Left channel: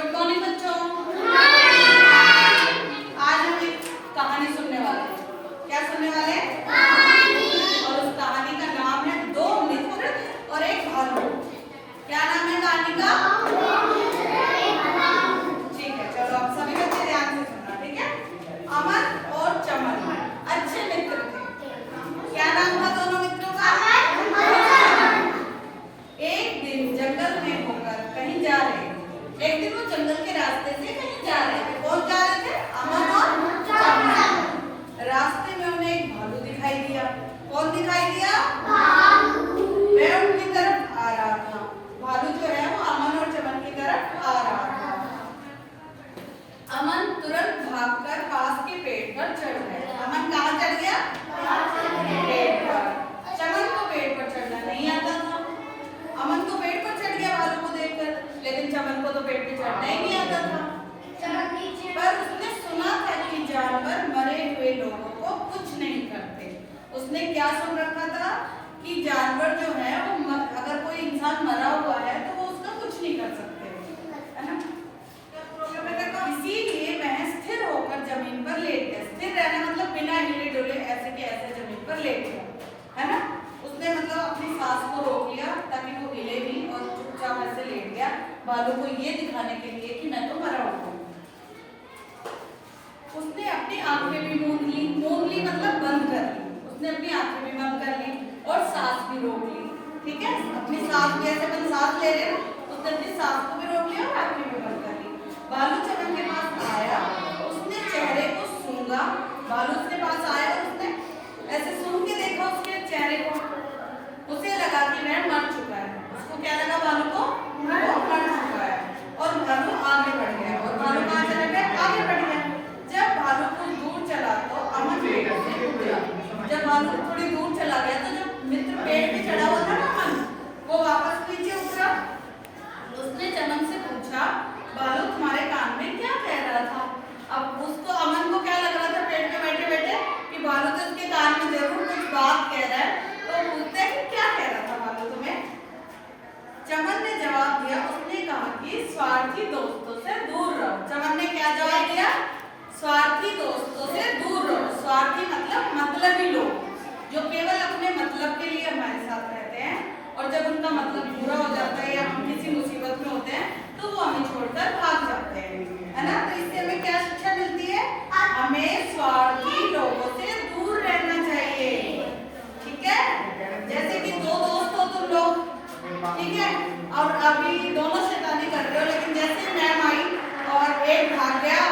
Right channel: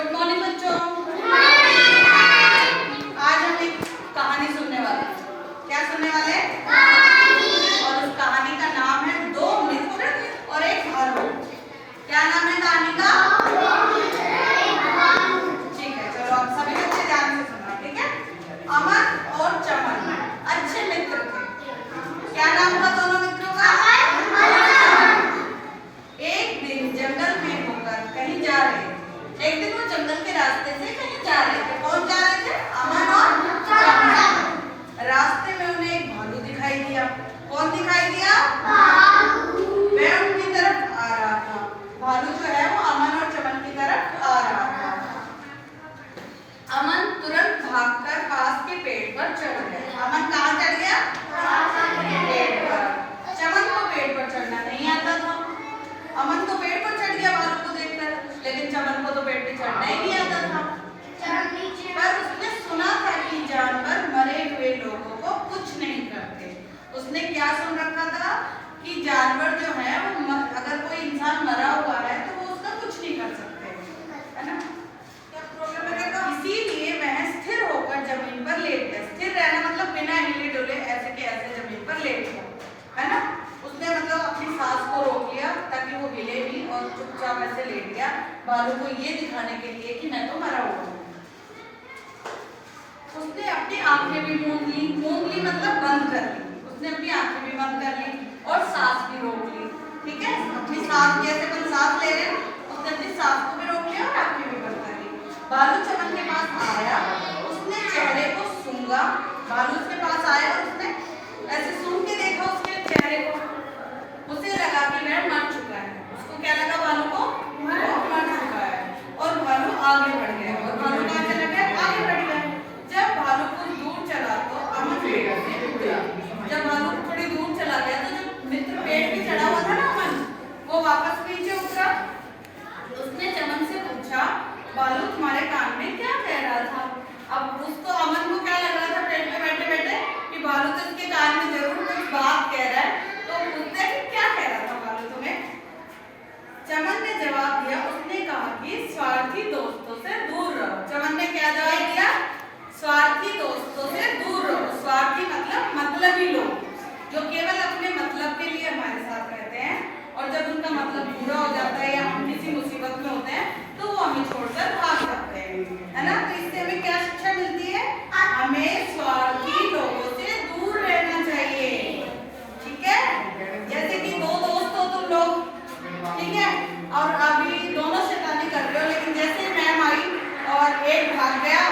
Good morning बच्चों। आज हम एक कहानी सुनने वाले हैं। क्या सुनने वाले हैं? और उस कहानी का नाम है दो मित्र और एक भालू। क्या नाम है कहानी का? ठीक है, चलो आप सभी बच्चे ध्यान से सुनना, ठीक है। अमन और चमन अच्छे मित्र थे। क्या नाम हुआ दोनों मित्रों का? एक दिन जंगल में होकर कहीं जा रहे थे। एक दिन वो जंगल के रास्ते से कहीं जा रहे थे। कौन जा रहे थे? अमन और चमन। रास्ते में उन्हें एक भालू दिखाई दिया। कौन दिखाई दिया? वह उनकी तरफ आ रहा था। भालू जो है वो अमन और चमन की तरफ आ रहा था। अमन तुरंत भागकर पास के पेड़ पर चढ़ गया। अमन कहाँ चढ़ गया? पेड़ पर। चमन को पेड़ पर चढ़ना नहीं आता था। अमन तो पेड़ पर चढ़ गया भालू को देखकर, लेकिन चमन को तो पेड़ पे चढ़ना ही नहीं आता था। पर उसने सुना था कि जानवर मरे हुए लोगों को कुछ नहीं करते। उसने क्या सुन रखा था कि जानवर जो है वो अगर कोई इंसान मरा हुआ है तो वो उसका कुछ नहीं कर सकते, है ना। इसीलिए वह स्थिर होकर जमीन पर लेट गया। स्थिर रहना मतलब बिना हिले डुले ऐसे के ऐसे जमीन पर लेट गया, है ना। उसने मतलब अपनी सांस को रोक लिया ताकि वो हिले भी और चुपचाप ऐसे लेट गया, भालू को ये दिखाने के लिए कि मैं तो मरा हुआ हूँ। उसने अपनी आंखें भी मूंद ली मतलब बंद कर ली। उसने अपनी आंखें भी बंद कर ली और सांस भी रोक ली, ठीक है। अपनी सांस भी ऐसे बंद सांस ले रहे, उसने अपनी सांस को भी रोक लिया और आंखें भी बंद कर ली। भालू चमन के पास आया, उसने चेहरे को सूंघा। भालू उसके पास आया और उसने ऐसे सूंघ के देखा उसके चेहरे को। उसे लगा कि वह मर चुका है। उसको क्या लगा भालू को? वो मर चुका है। और भालू आगे बढ़ गया। और भालू कहाँ चला गया? आगे बढ़ गया। जब भालू कुछ दूर चला तो अमन पेड़ से उतरा। जब भालू थोड़ी दूर चला गया तो जो मित्र पेड़ पे चढ़ा हुआ था ना अमन, वो वापस नीचे उतरा। उसने चमन से पूछा, भालू तुम्हारे कान में क्या कह रहा था? अब उसको अमन को क्या लग रहा था पेड़ पे बैठे बैठे कि भालू तो इसके कान में जरूर कुछ बात कह रहा है। तो पूछते हैं कि क्या कह रहा था भालू तुम्हें? चमन ने जवाब दिया, उसने कहा कि स्वार्थी दोस्तों से दूर रहो। चमन ने क्या जवाब दिया? स्वार्थी दोस्तों से दूर रहो। स्वार्थी मतलब मतलबी लोग जो केवल अपने मतलब के लिए हमारे साथ रहते हैं और जब उनका मतलब पूरा हो जाता है या हम किसी मुसीबत में होते हैं तो वो हमें छोड़कर भाग जाते हैं, है ना। तो इससे हमें क्या शिक्षा मिलती है? हमें स्वार्थी लोगों से दूर रहना चाहिए, ठीक है। जैसे कि दो दोस्त हो तुम लोग, ठीक है, और अभी दोनों शैतानी कर रहे हो, लेकिन जैसे मैम आई और एक भाग गया